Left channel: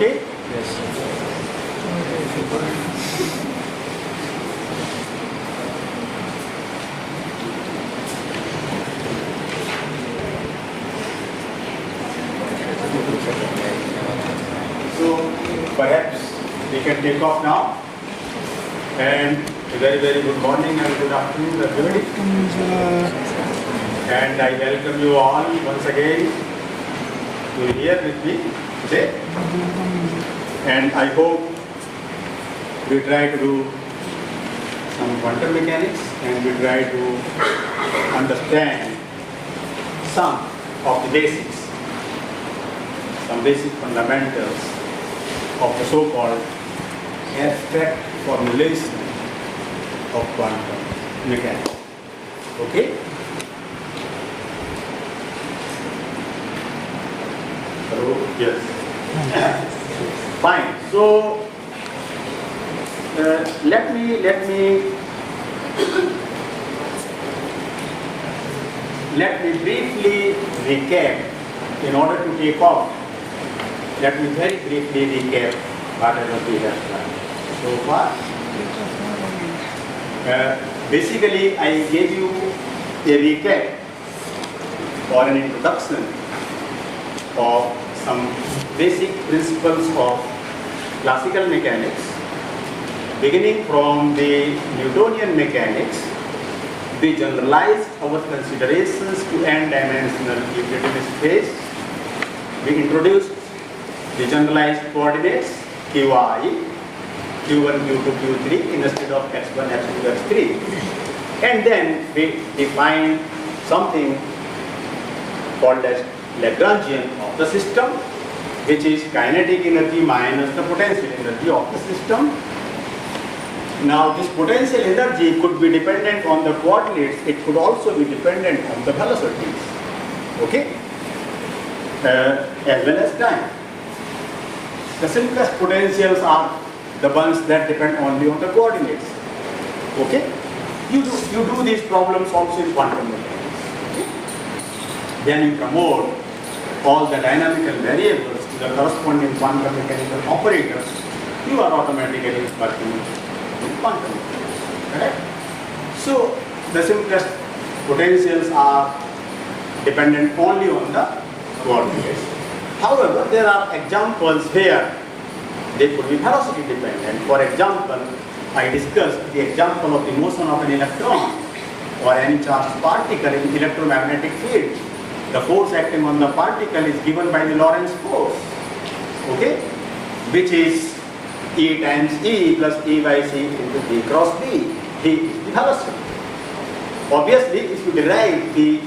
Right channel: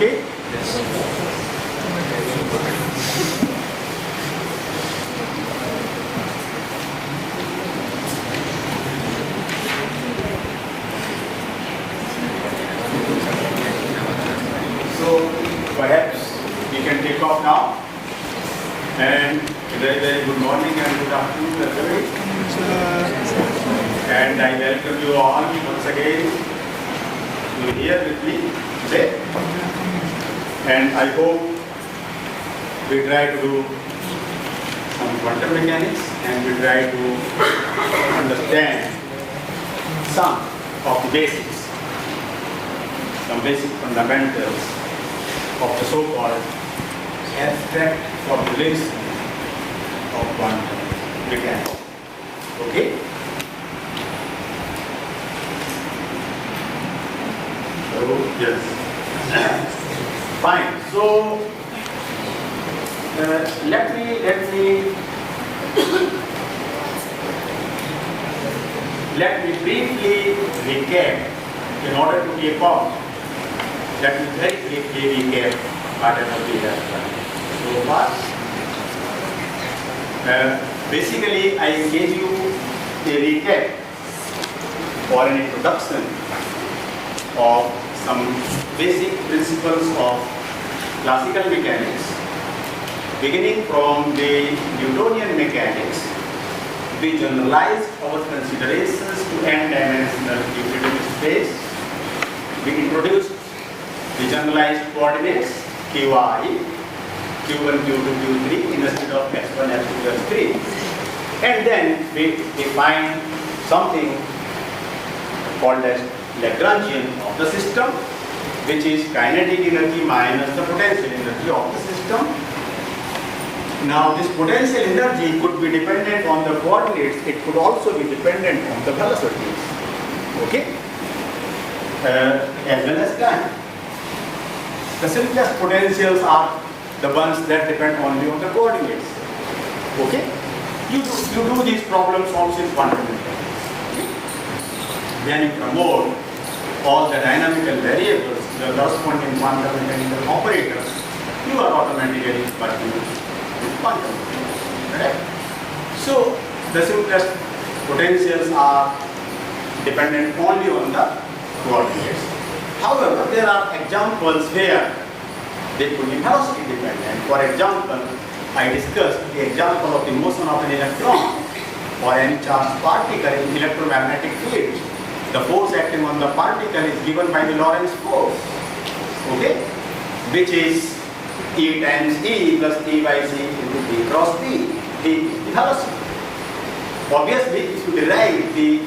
okay? Yes. So perhaps we can take off now. And very, very good morning and good afternoon, everybody. And I welcome you all once again to be here with me today. And I hope we try to do some quantum mechanics and we try to understand some of the basics, some basic fundamentals of the so-called abstract formulation of quantum mechanics. Okay? So, yes. Fine. So, let me briefly recap in order to take off. Let me very briefly recap whatever we have done. So what? Basically, I gave you a recap or an introduction of some basic principles of classical mechanics, beginning from the Newtonian mechanics. We generalized our considerations to n-dimensional Euclidean space. We introduced the generalized coordinates qi, q1, q2, q3 instead of x1, x2, x3. And then we define something called as Lagrangian of the system, which is kinetic energy minus the potential energy of the system. Now this potential energy could be dependent on the coordinates, it could also be dependent on the velocities, okay, as well as time. The simplest potentials are the ones that depend only on the coordinates, okay. You do these problems also in quantum mechanics. Then you promote all the dynamical variables to the corresponding quantum mechanical operators, you are automatically working with quantum mechanics, correct? So the simplest potentials are dependent only on the coordinates. However, there are examples where they could be velocity dependent. For example, I discussed the example of the motion of an electron or any charged particle in electromagnetic field. The force acting on the particle is given by the Lorentz force, okay, which is E times E plus E by C into B cross B. E is the velocity. Obviously, if you derive the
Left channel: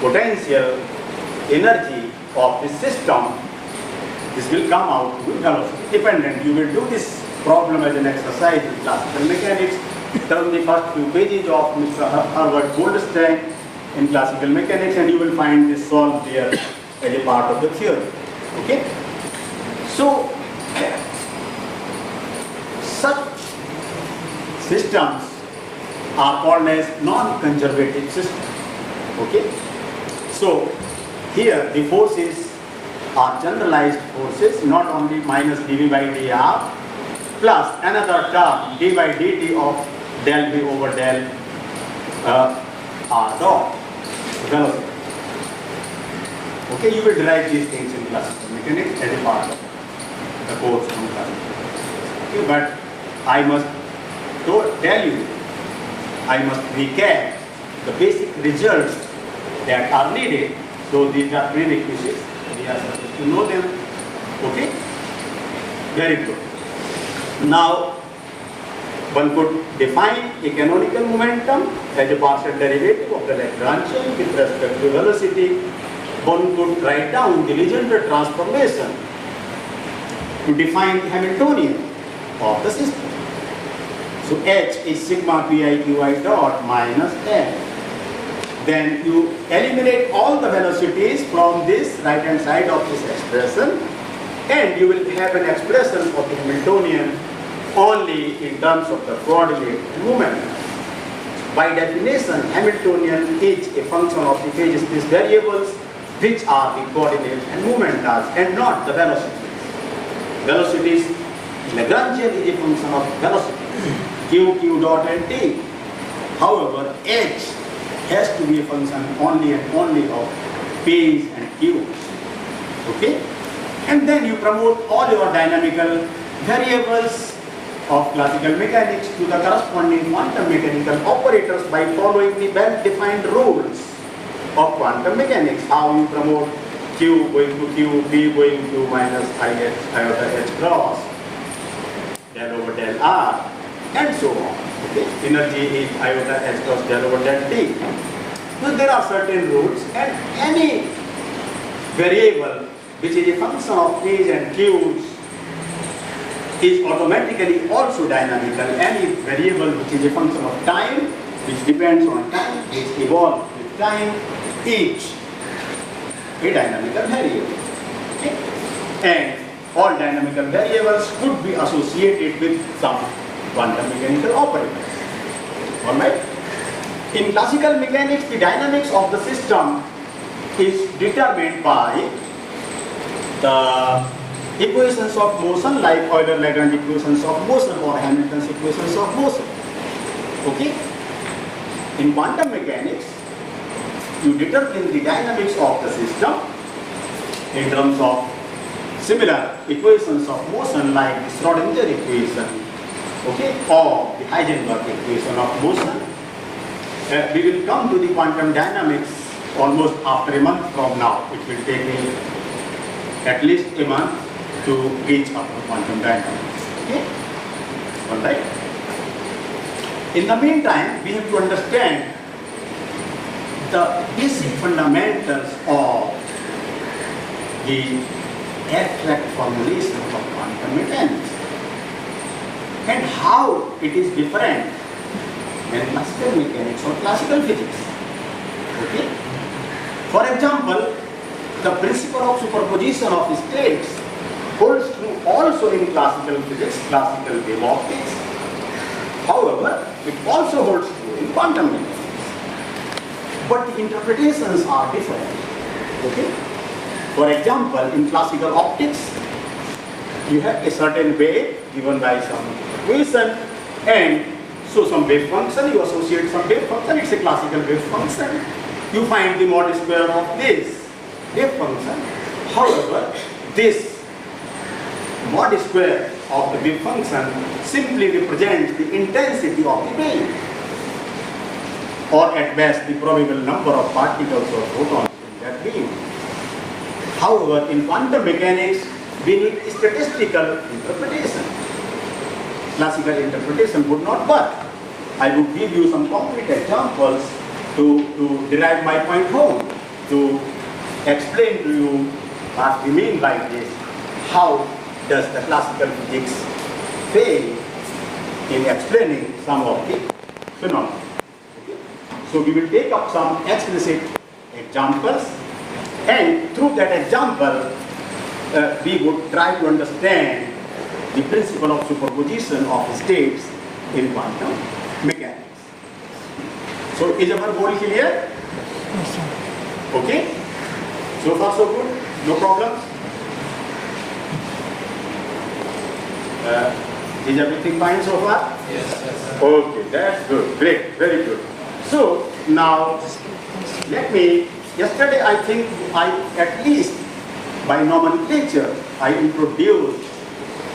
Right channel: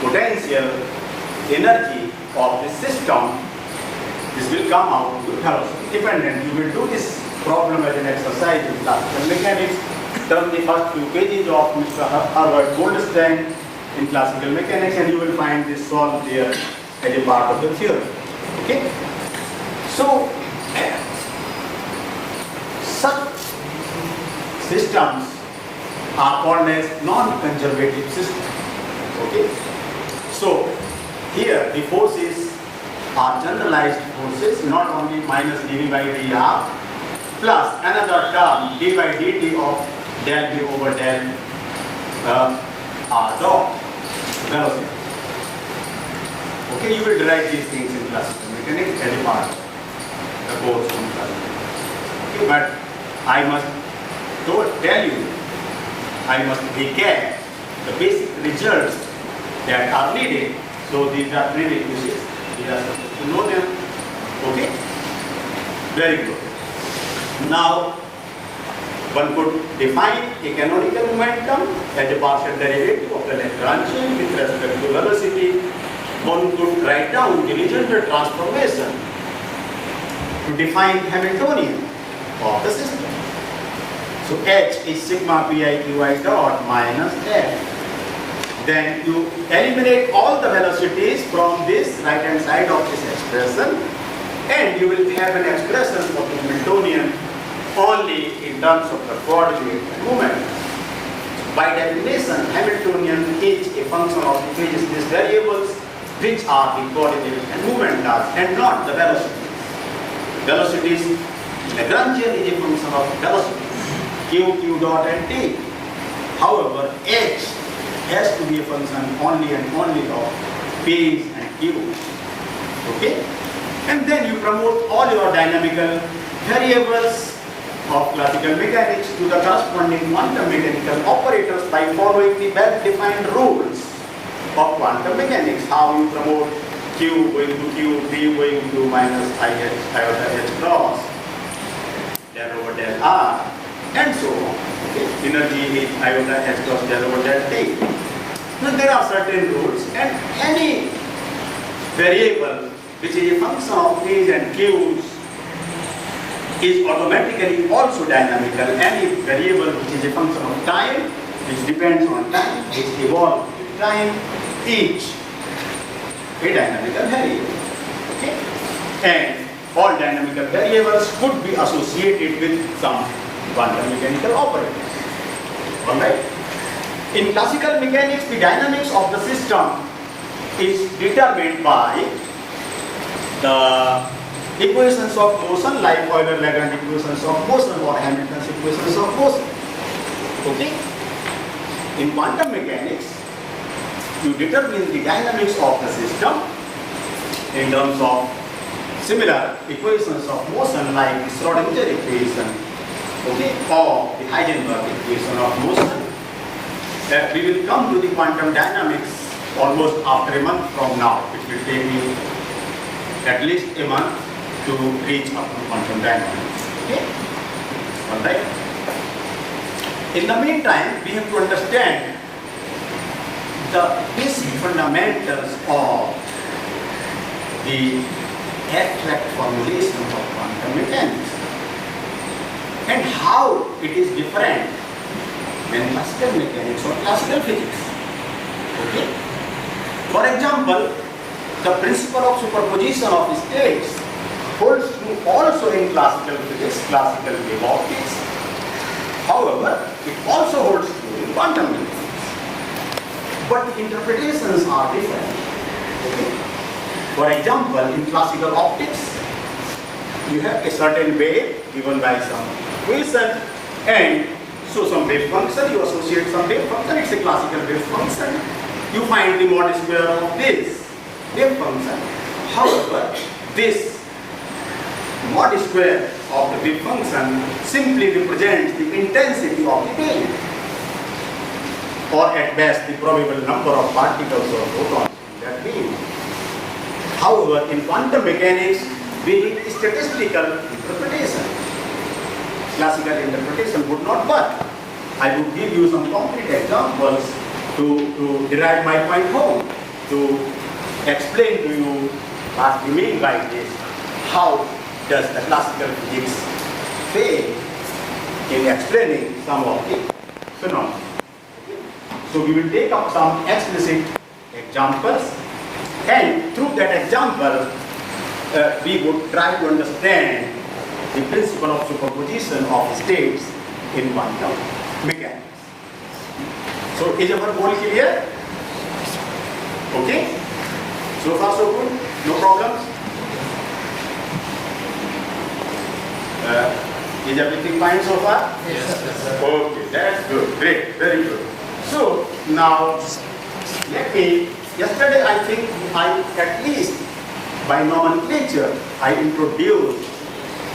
potential energy of the system, this will come out to be velocity dependent. You will do this problem as an exercise in classical mechanics. Turn the first few pages of Mr. Herbert Goldstein in classical mechanics and you will find this solved there as a part of the theory. Okay? So, such systems are called as non-conservative systems. Okay? So, here the forces are generalized forces, not only minus dv by dr plus another term d by dt of del v over del r dot, velocity. Okay, you will derive these things in classical mechanics as a part of the course on classical. Okay, but I must tell you, I must recap the basic results that are needed. So these are prerequisites. We are supposed to know them. Okay? Very good. Now, one could define a canonical momentum as a partial derivative of the Lagrangian with respect to velocity. One could write down the Legendre transformation to define the Hamiltonian of the system. So H is sigma pi qi dot minus F. Then you eliminate all the velocities from this right hand side of this expression and you will have an expression for the Hamiltonian only in terms of the coordinate and moment. By definition, Hamiltonian is a function of the phase space variables which are the coordinates and momentas and not the velocities. velocities, Lagrangian is a function of velocity, q dot and t. However, h has to be a function only and only of phase and q. Okay? And then you promote all your dynamical variables of classical mechanics to the corresponding quantum mechanical operators by following the well-defined rules of quantum mechanics. How you promote q going to q, p going to minus iota h cross, del over del r, and so on. Okay? Energy is iota h cross del over del t. Now there are certain rules, and any variable which is a function of phase and q's is automatically also dynamical. Any variable which is a function of time, which depends on time, which evolves with time, each a dynamical variable. Okay? And all dynamical variables could be associated with some quantum mechanical operators. Alright? In classical mechanics, the dynamics of the system is determined by the equations of motion, like Euler-Lagrange equations of motion or Hamilton's equations of motion. Okay? In quantum mechanics, you determine the dynamics of the system in terms of similar equations of motion, like the Schrodinger equation, okay, or the Heisenberg equation of motion. We will come to the quantum dynamics almost after a month from now. It will take me at least a month to reach up to quantum dynamics. Okay? Alright? In the meantime, we have to understand the basic fundamentals of the abstract formulation of quantum mechanics and how it is different than classical mechanics or classical physics. Okay? For example, the principle of superposition of states holds true also in classical physics, classical wave optics. However, it also holds true in quantum mechanics. But the interpretations are different. Okay? For example, in classical optics, you have a certain wave given by some equation, and so some wave function, you associate some wave function, it's a classical wave function. You find the mod square of this wave function. However, this mod square of the wave function simply represents the intensity of the wave, or at best the probable number of particles or photons in that wave. However, in quantum mechanics, we need statistical interpretation. Classical interpretation would not work. I would give you some concrete examples to derive my point home, to explain to you what we mean by this. How does the classical physics fail in explaining some of the phenomena? Okay? So we will take up some explicit examples, and through that example, we would try to understand the principle of superposition of states in quantum mechanics. So is our goal clear? Okay? So far so good? No problems? Is everything fine so far? Yes, sir. Okay, that's good. Great, very good. So now, yesterday I think at least by nomenclature, I introduced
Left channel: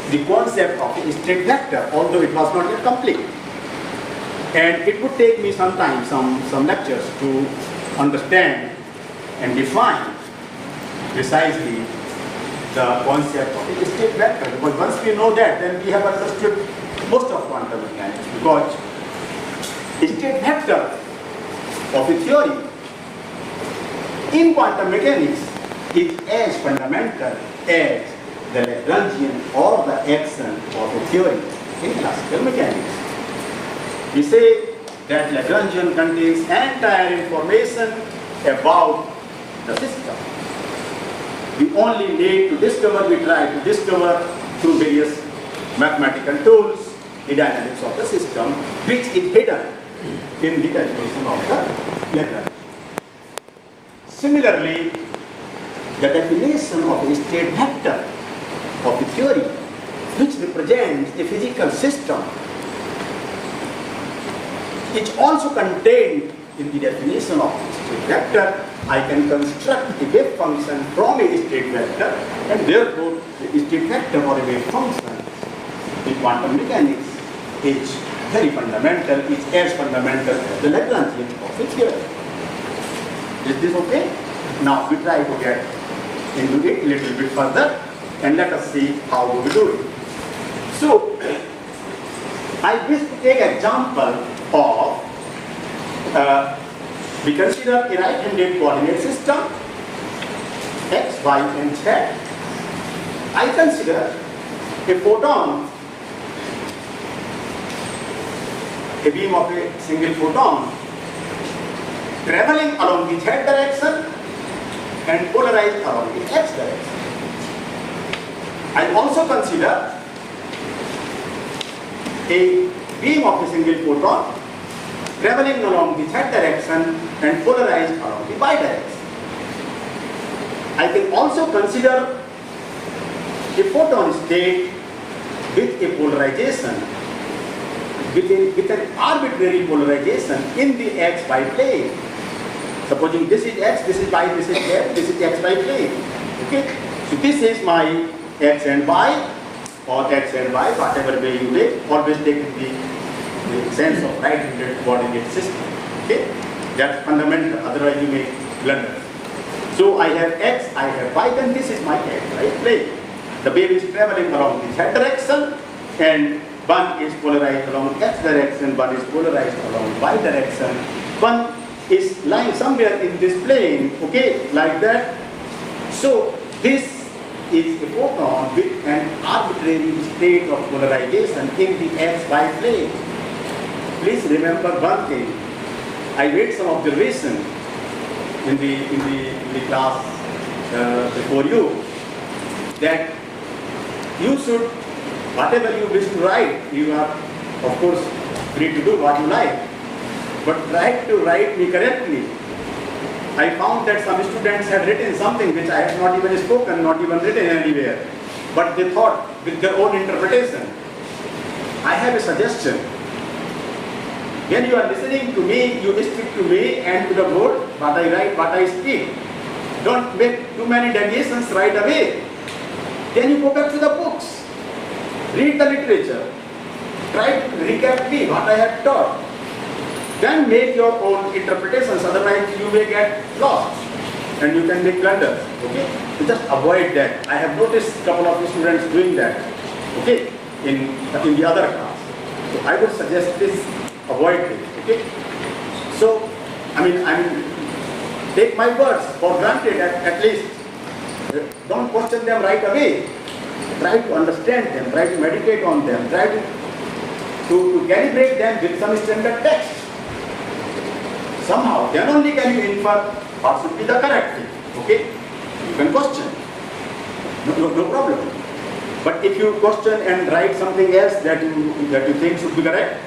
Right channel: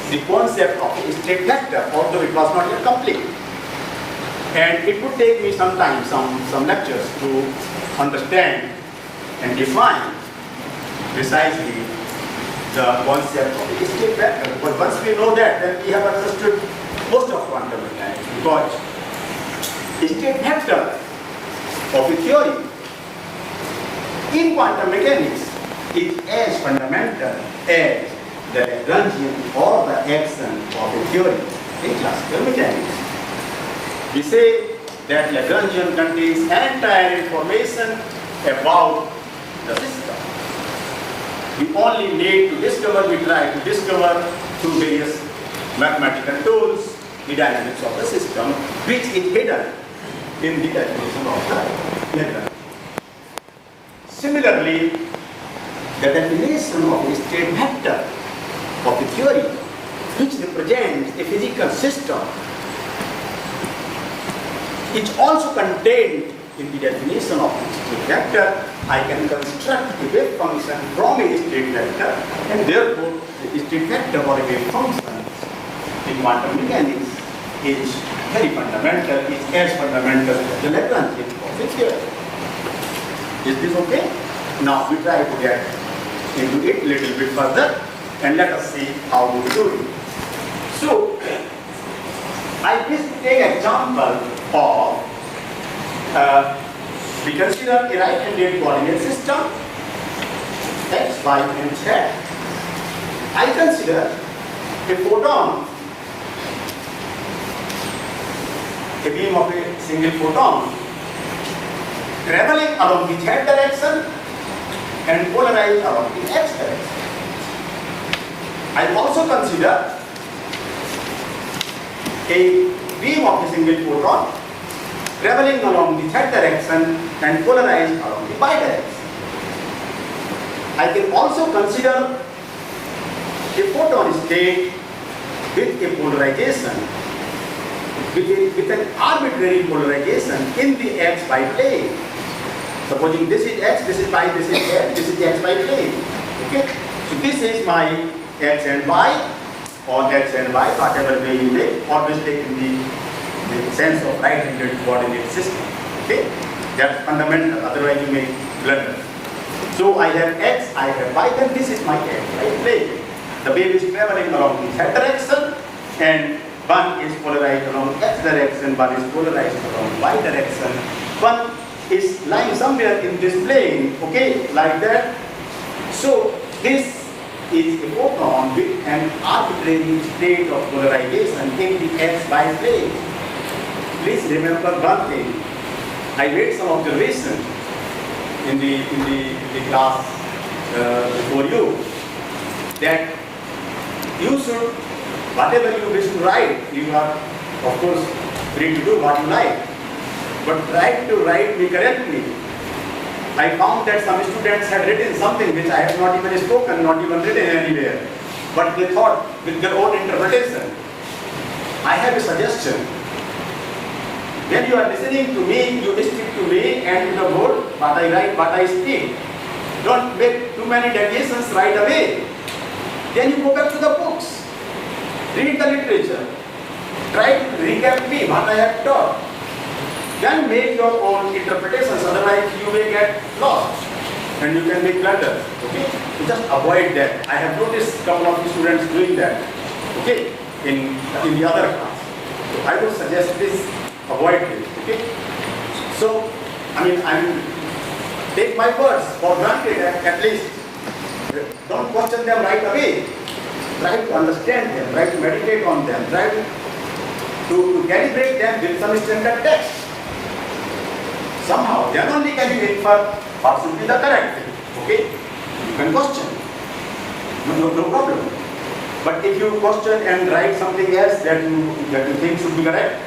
the concept of a state vector, although it was not yet complete. And it would take me some time, some lectures to understand and define precisely the concept of a state vector. Because once we know that, then we have understood most of quantum mechanics. Because a state vector of a theory in quantum mechanics is as fundamental as the Lagrangian or the action of a theory in classical mechanics. We say that Lagrangian contains entire information about the system. We only need to discover, we try to discover through various mathematical tools the dynamics of the system, which is hidden in the definition of the Lagrange. Similarly, the definition of a state vector of a theory represents a physical system is also contained in the definition of state vector. I can construct the wave function from a state vector, and therefore the state vector or a wave function in quantum mechanics is very fundamental, is as fundamental as the Lagrangian of the theory. Is this okay? Now we try to get into it a little bit further and let us see how we do it. So, I wish to take example of we consider a right-handed coordinate system x, y, and z. I consider a photon, the beam of a single photon, traveling along the z direction and polarizing along the x direction. I also consider a beam of a single photon traveling along the z direction and polarized along the y direction. I can also consider a photon state with a polarization, with an arbitrary polarization in the xy plane. Supposing this is x, this is y, this is x, this is xy plane. Okay? So this is my x and y, or x and y, whatever way you take, always take the sense of right-handed coordinate system. Okay? That's fundamental, otherwise you may blunder. So I have x, I have y, and this is my xy plane. The wave is traveling along the z direction, and one is polarized along x direction, one is polarized along y direction. One is lying somewhere in this plane, okay, like that. So this is a photon with an arbitrary state of polarization in the xy plane. Please remember one thing. I made some observation in the class before you, that you should, whatever you wish to write, you are of course free to do what you like, but try to write me correctly. I found that some students had written something which I have not even spoken, not even written anywhere, but they thought with their own interpretation. I have a suggestion. When you are listening to me, you stick to me and to the word, what I write, what I speak. Don't make too many deviations right away. Then you go back to the books. Read the literature. Try to recap me what I have taught. Then make your own interpretations, otherwise you may get lost and you can make blunders. Okay? So just avoid that. I have noticed a couple of the students doing that. Okay? In the other class. So I would suggest this, avoid it. Okay? So, take my words for granted at least. Don't question them right away. Try to understand them, try to meditate on them, try to calibrate them with some standard text. Somehow, then only can you infer what should be the correct thing. Okay? You can question. No problem. But if you question and write something else that you think should be correct,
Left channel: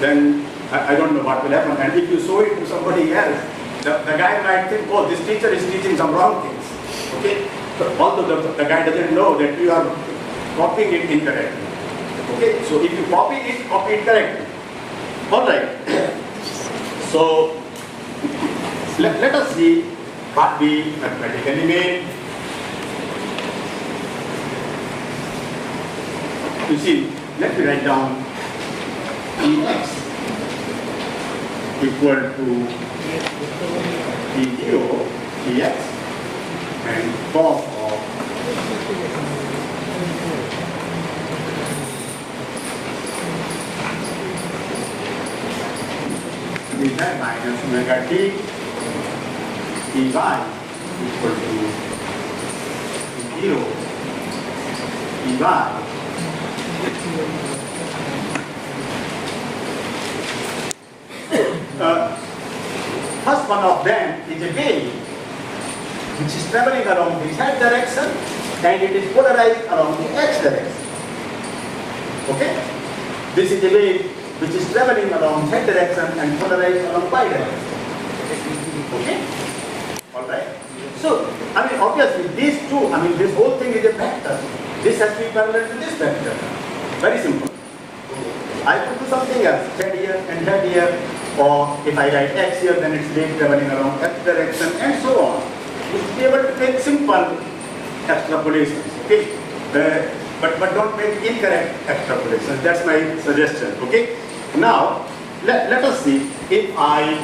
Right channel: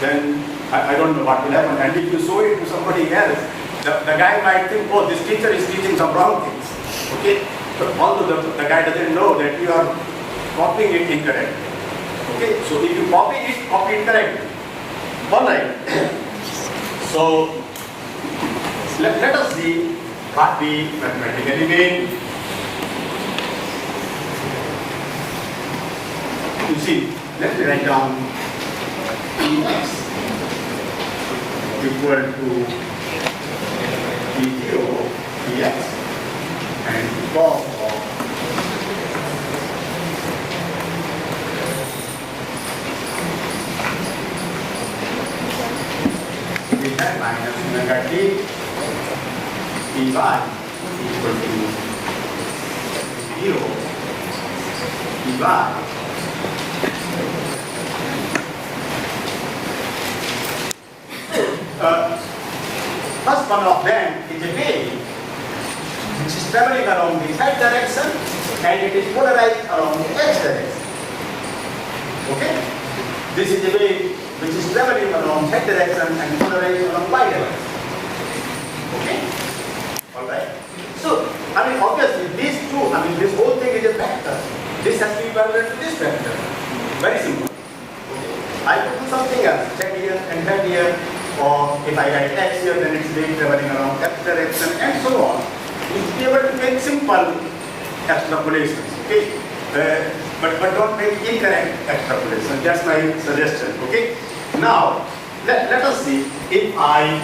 then I don't know what will happen. And if you show it to somebody else, the guy might think, oh, this teacher is teaching some wrong things. Okay? But although the guy doesn't know that you are copying it incorrectly. Okay? So if you copy it correctly. Alright. So let us see what we mathematically mean. You see, let me write down Ex equal to E0 Ex and cos of we have minus omega t Ey equal to 0 Ey. First one of them is a wave which is traveling along the z direction and it is polarized along the x direction. Okay? This is a wave which is traveling along z direction and polarized along y direction. Okay? Alright? So, obviously these two, this whole thing is a vector. This has to be parallel to this vector. Very simple. I could do something else, that here and that here, or if I write x here, then it's wave traveling around x direction, and so on. You'll be able to make simple extrapolations, okay? But don't make incorrect extrapolations. That's my suggestion, okay? Now, let us see if I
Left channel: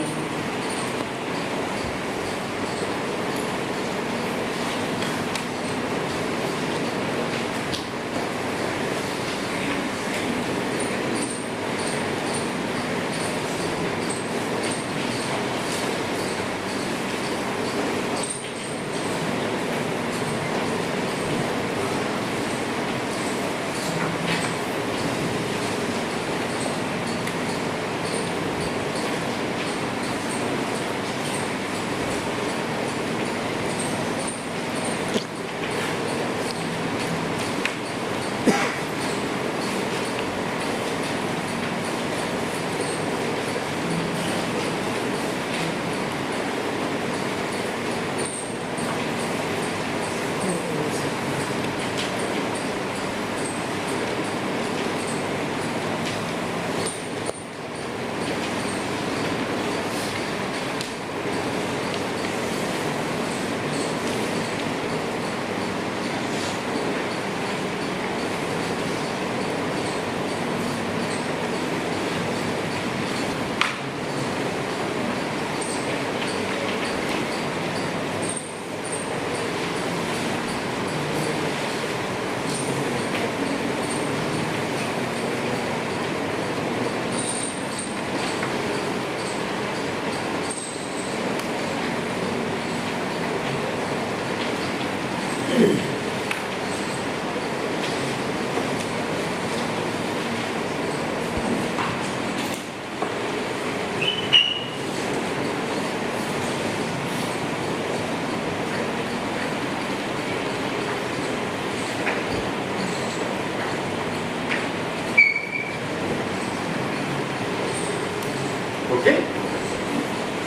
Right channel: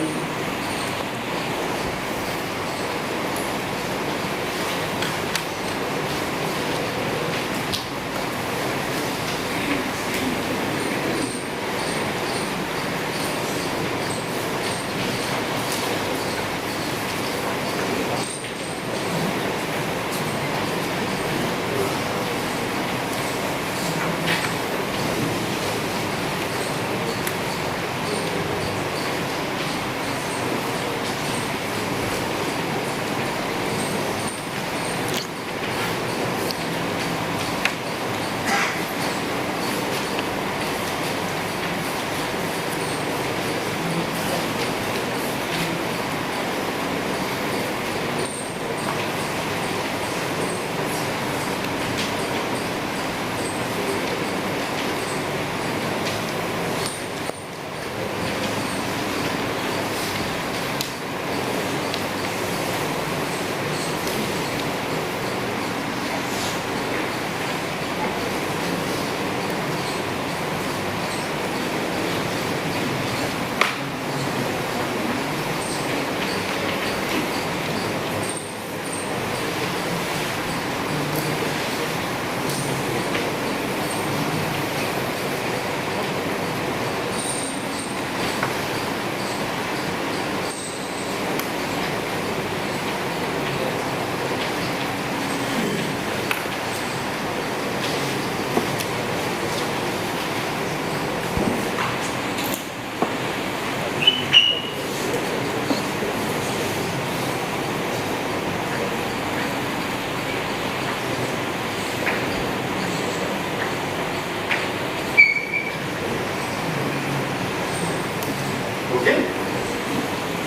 okay?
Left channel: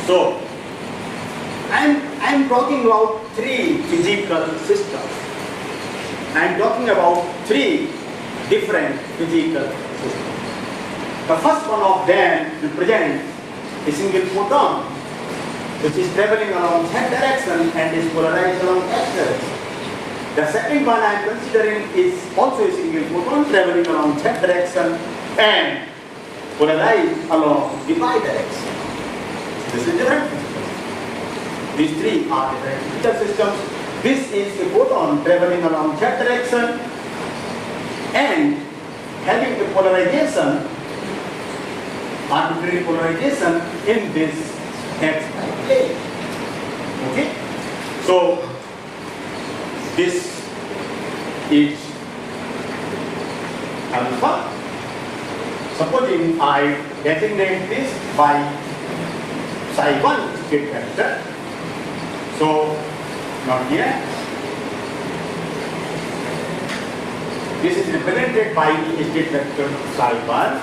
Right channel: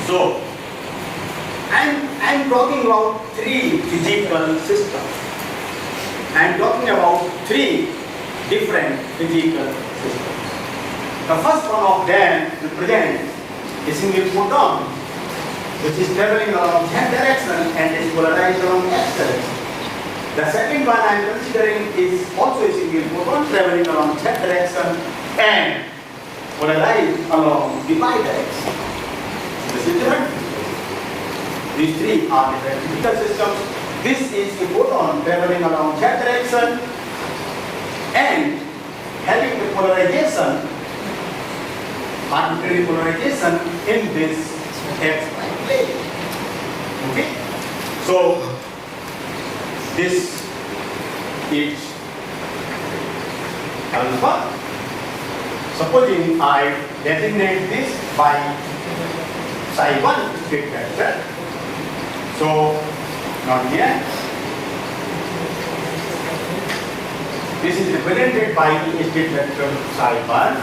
So, I'm talking about three physical systems. I'm talking about three different physical systems. The first one of them represents a single photon, which is traveling along z direction and is polarized along x direction. The second one I am considering is also a single photon traveling along z direction and polarized along the y direction. This is different. These three are different physical systems. This is a photon traveling along z direction and having the polarization, arbitrary polarization in this x plane. Okay? So, this is alpha. Supposing I designate this by psi1 state vector. So, now here, this is represented by the state vector psi1.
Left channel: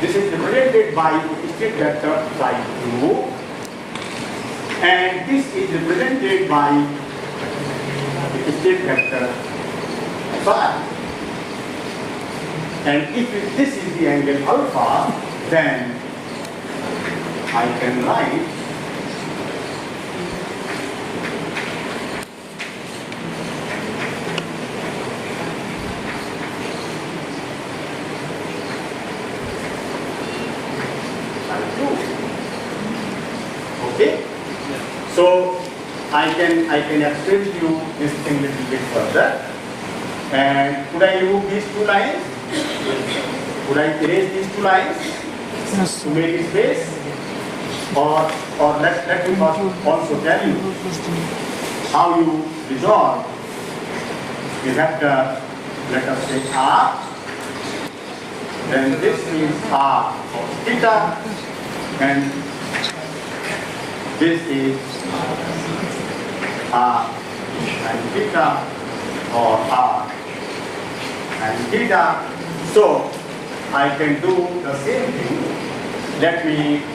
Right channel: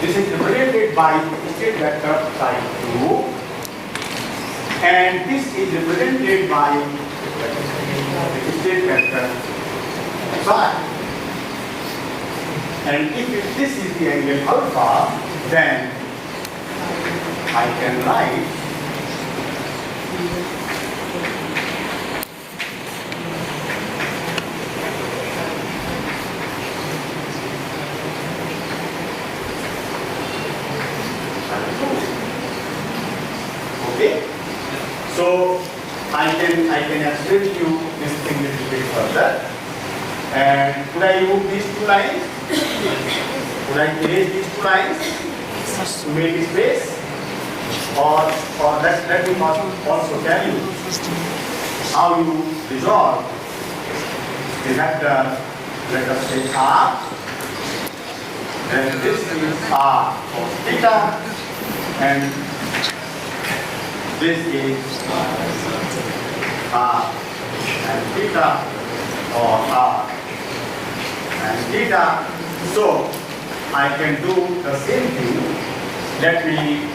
This is represented by the state vector psi2. And this is represented by the state vector psi. And if this is the angle alpha, then I can write okay? So I can explain to you this thing a little bit further. And could I remove these two lines? Could I erase these two lines to make space? Or let me also tell you how you resolve the vector, let us say R, then this is R cos theta, and this is R and theta, or R and theta. So I can do the same thing. Let me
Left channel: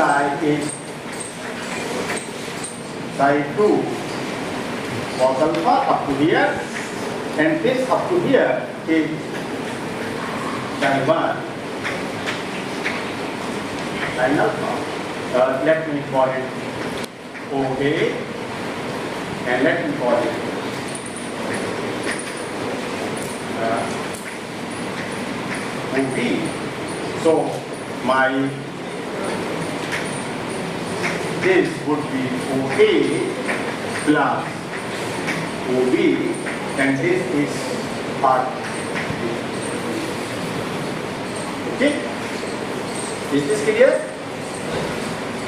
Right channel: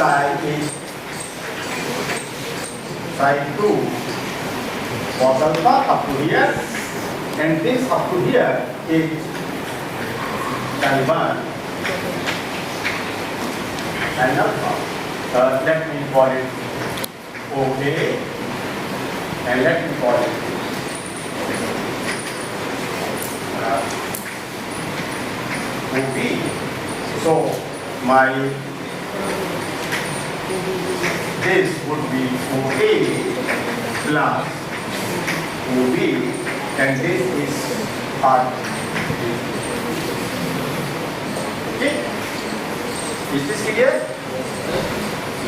guy is psi 2 cos alpha up to here, and this up to here is psi 1 sin alpha. Let me call it OA, and let me call it OB. So this would be OA plus OB, and this is part. Okay? Is this clear?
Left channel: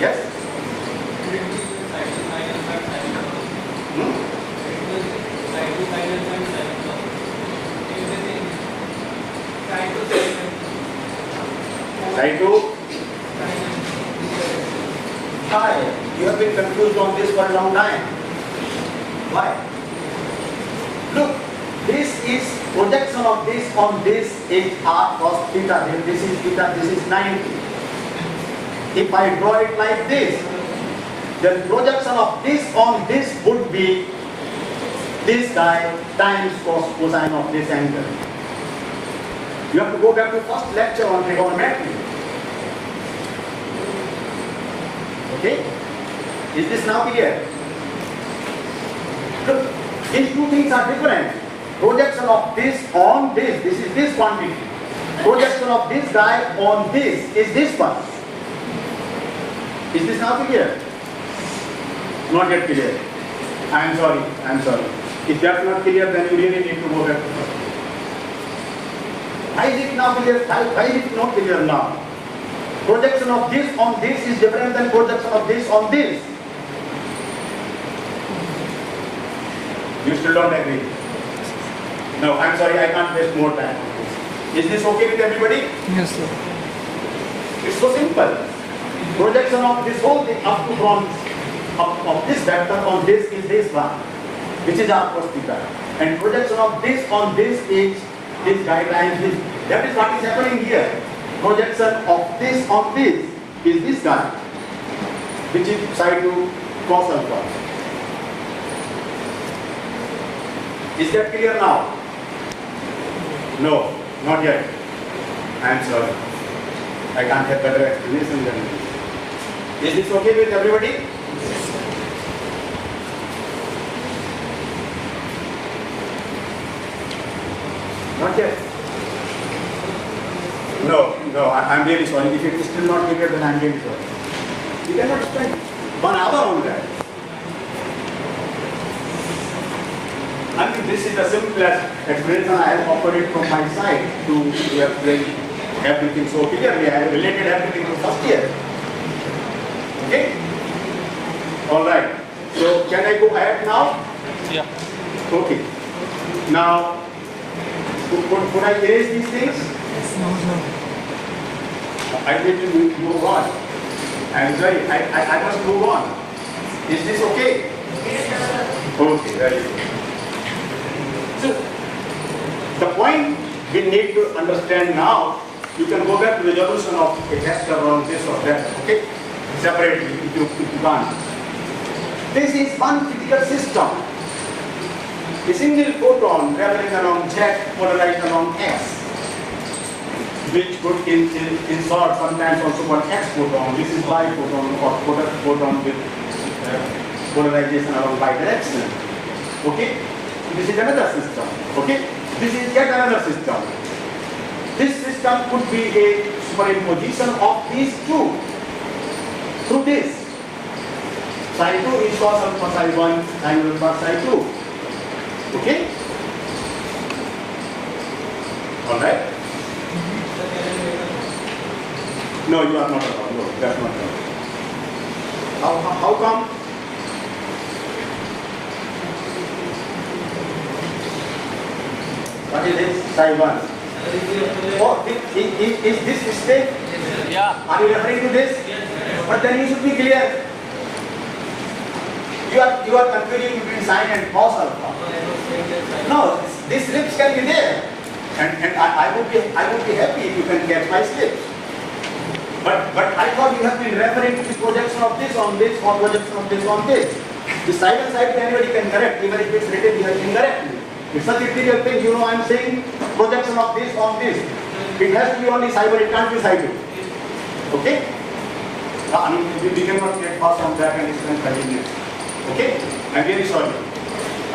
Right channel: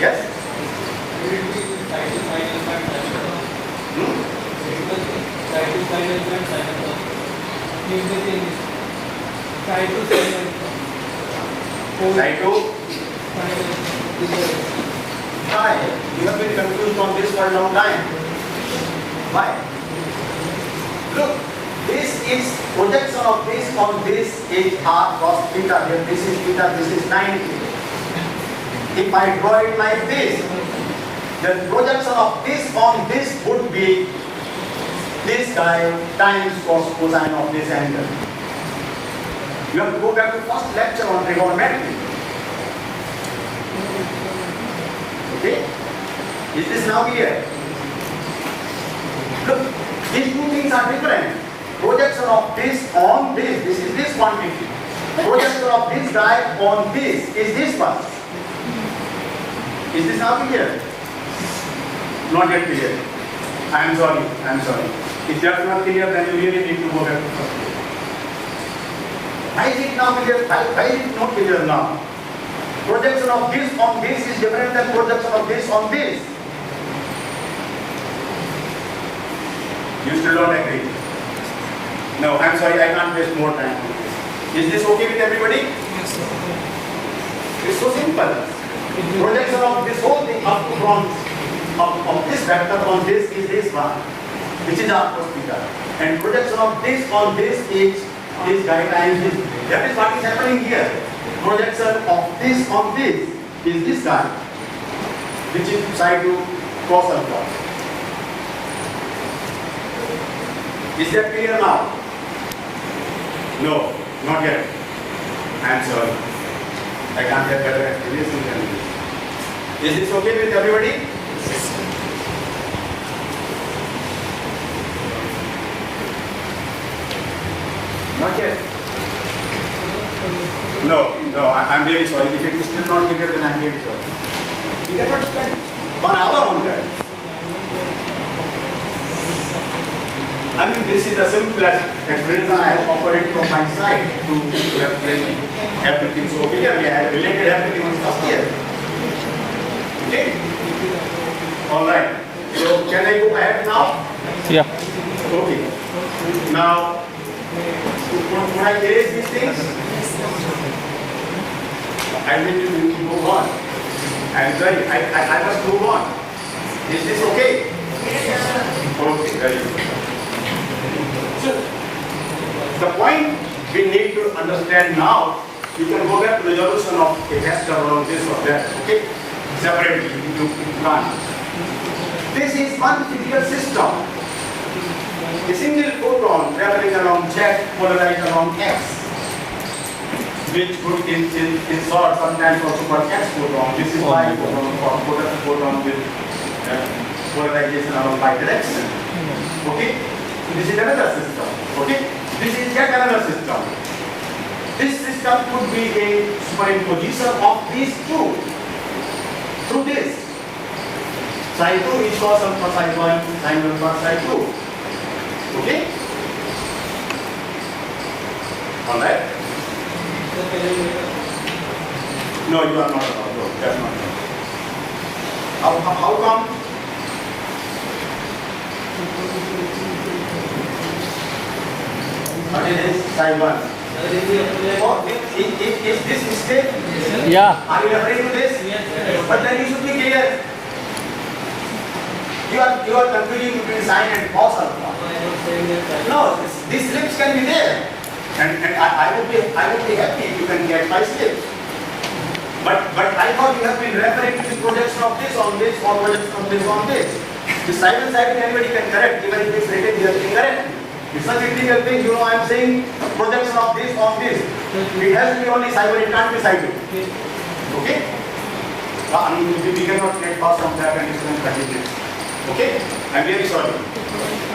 Yes? Side 2? Hi, you have been confused on this for a long time. Why? Look, this is projection of this on this is r cos theta. This is theta, this is 90. If I draw it like this, the projection of this on this would be this guy times cosine of this angle. You have to go back to first lecture on trigonometry. Okay? Is this now here? Look, these two things are different. Projection of this on this is this quantity. Projection of this guy on this is this one. Is this now clear? Not yet clear. I am sorry. If that's not clear, then you really need to go back to first. Why is it now clear? Why is it not clear now? Projection of this on this is different than projection of this on this. You still don't agree? No, I'm sorry, I can't waste more time. Is this okay with everybody? Yes, sir. It's so simple. Projection of this whole thing up to from of this vector on this is this one, which is r cos theta. And projection of this on this is this guy times this. That is what is happening here. Projection of this on this is this guy, which is psi 2 cos alpha. Is that clear now? No, not yet. I am sorry. I can't have better explanation than this. Is this okay with everybody? Not yet. No, I'm really sorry. If it is still not clear, then I'm really sorry. We cannot spend 1 hour on that. I mean, this is the simplest explanation I have offered it from my side to explain everything so clearly. I have related everything on first year. Okay? Alright. So, can I go ahead now? Yeah. Okay. Now, could I erase these things? I will move on. I'm sorry, I must move on. Is this okay? Okay, very good. So, the point we need to understand now, you can go back to the resolution of a vector or this or that, okay? Separately, if you can't. This is one physical system. A single photon traveling along Z polarized along X, which would in short sometimes also called X photon. This is Y photon or photon with polarization along Y direction. Okay? This is another system. Okay? This is yet another system. This system could be a superimposition of these two through this. Psi 2 is cos alpha psi 1 sin alpha psi 2. Okay? Alright? No, you are not allowed. No, that's not allowed. How come? What is psi 1? Oh, is this straight? Yeah. Are you referring to this? But then you should be clear. You are confusing between sin and cos alpha. No, these slips can be there, and I would be happy if you can get my slips. But I thought you have been referring to the projection of this on this or projection of this on this. The side and side anybody can correct, even if it's written incorrectly. It's such a trivial thing, I'm saying projection of this on this. It has to be only side, but it can't be side. Okay? I mean, we cannot make pass on that and it's going to continue. Okay? I'm very sorry.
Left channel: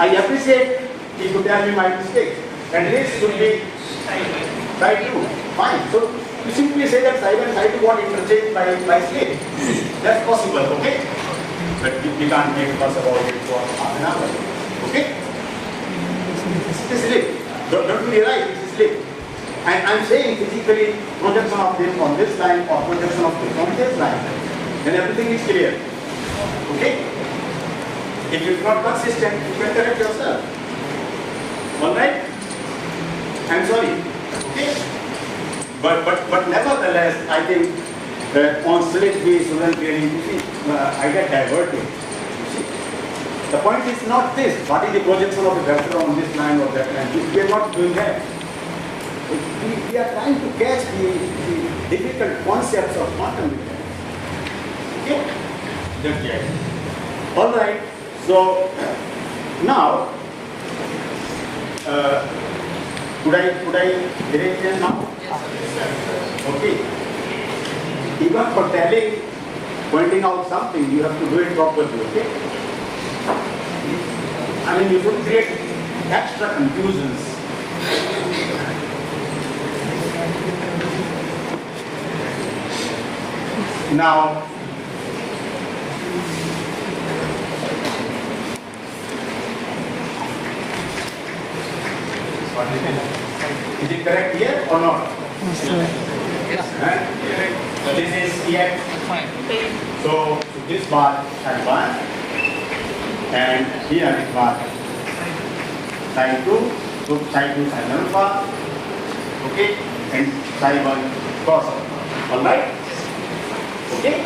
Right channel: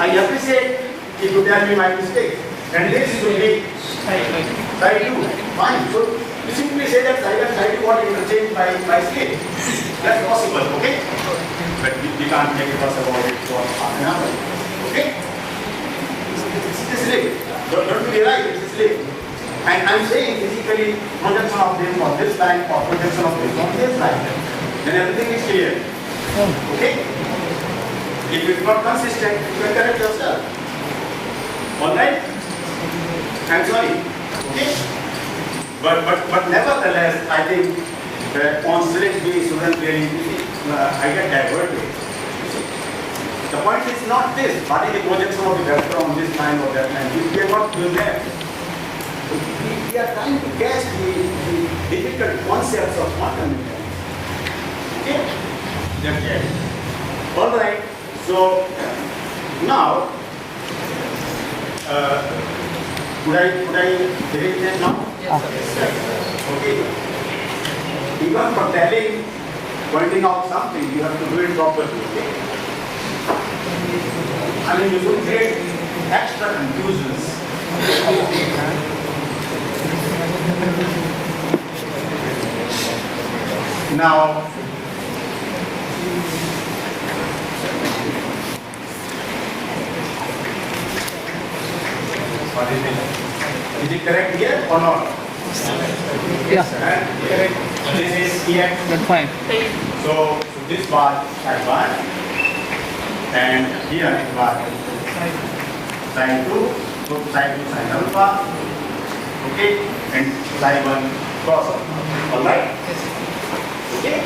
I appreciate if you tell me my mistake. And this will be side 2. Fine. So you simply say that side and side 2 got interchanged by scale. That's possible, okay? But we can't make a fuss about it for half an hour. Okay? This is slip. Don't be right, it's a slip. And I'm saying physically projection of this on this line or projection of this on this line. Then everything is clear. Okay? If it's not consistent, you can correct yourself. Alright? I'm sorry. Okay? But nevertheless, I think that on select we shouldn't really I get diverted. The point is not this. What is the projection of the vector on this line or that line? We are not doing that. We are trying to catch the difficult concepts of quantum mechanics. Okay? Just yet. Alright. So now could I direct them now? Okay. Even for telling, pointing out something, you have to do it properly, okay? I mean, you should create extra confusions. Now, is it correct here or not? Yeah. This is EX. That's fine. So this bar has 1 and here is bar sine 2, so sine 2 sine alpha, okay, and sine 1 cos alpha. Alright? Okay?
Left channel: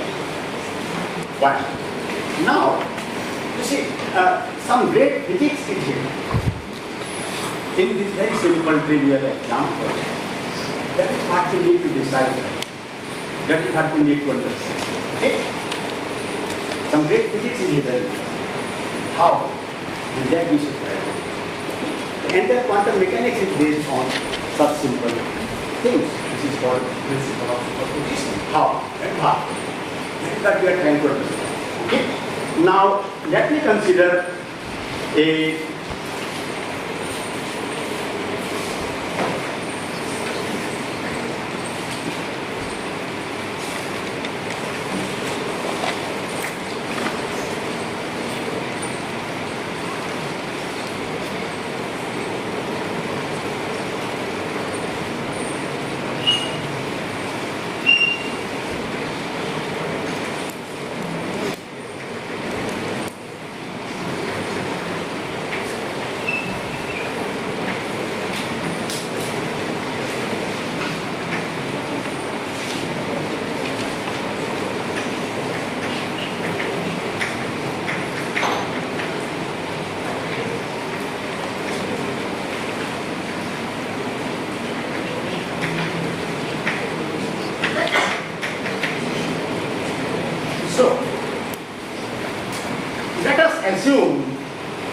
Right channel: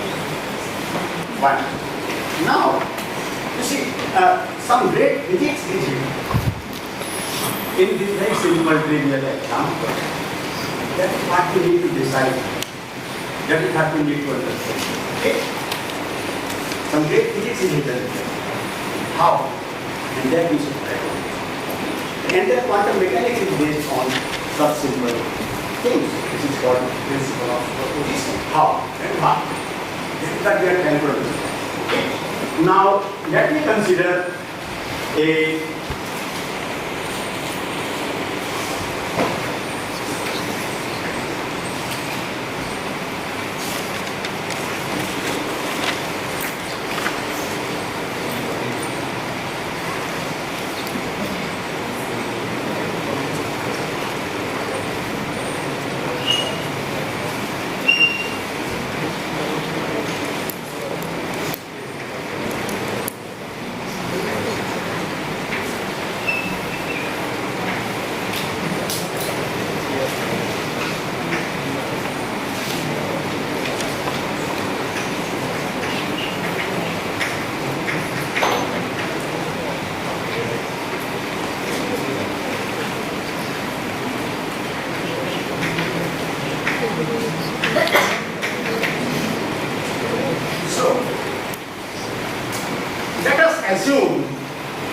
1. Now, you see, some great physics is here. In this very simple trivial example, that is what you need to decide. That is what you need to understand. Okay? Some great physics is hidden. How? And that we should try. And that quantum mechanics is based on such simple things. This is called principle of superposition. How? And how? This is what we are trying to understand. Okay? Now, let me consider a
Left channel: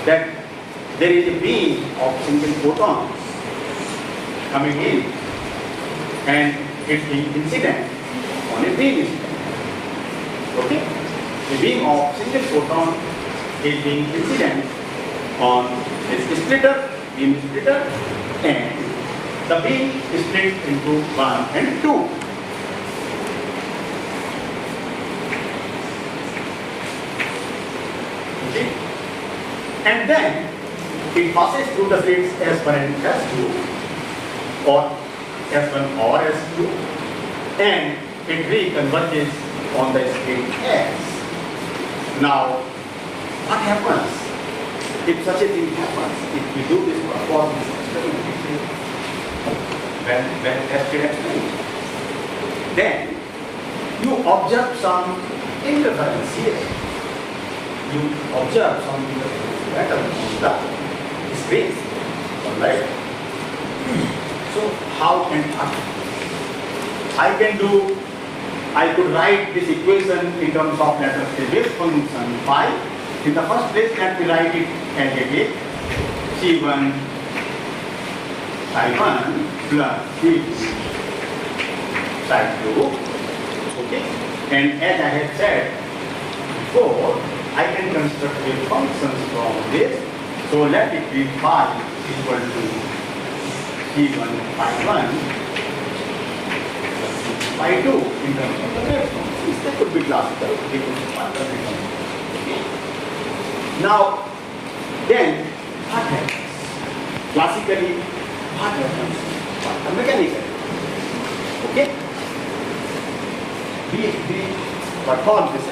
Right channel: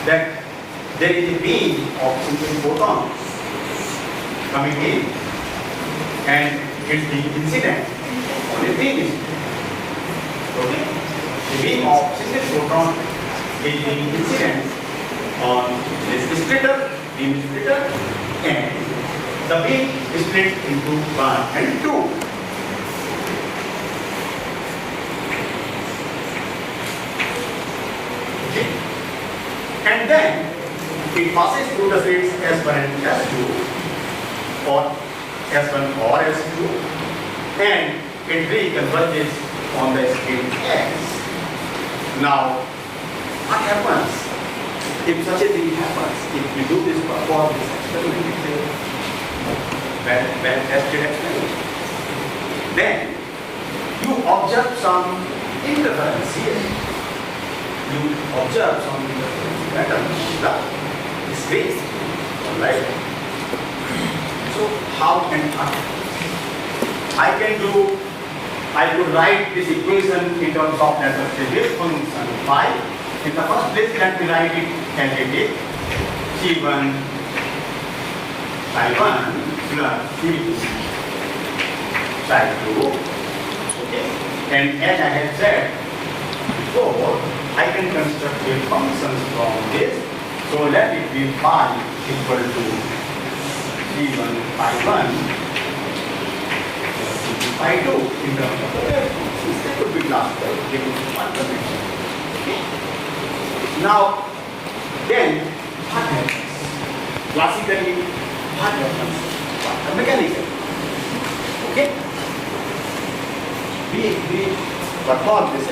that there is a beam of single photons coming in and it's being incident on a beam incident. Okay? The beam of single photon is being incident on this splitter, beam splitter, and the beam is split into 1 and 2. And then it passes through the states S1 and S2 or S1 or S2 and it reconverges on the state S. Now, what happens if such a thing happens? If we do this perform this experiment, that S experiment, then you observe some interference here. You observe some pattern in the space, right? So how can I can do I could write this equation in terms of, let us say, wave function phi. In the first place, let me write it as it is. C1 psi1 plus C2 psi2. Okay. And as I have said before, I can construct wave functions from this. So let it be phi equal to C1 phi1 plus C2 phi2 in terms of the wave functions. They could be classical, they could be fundamental. Now, then, what happens? Classically, what happens? Quantum mechanism. Okay? We perform this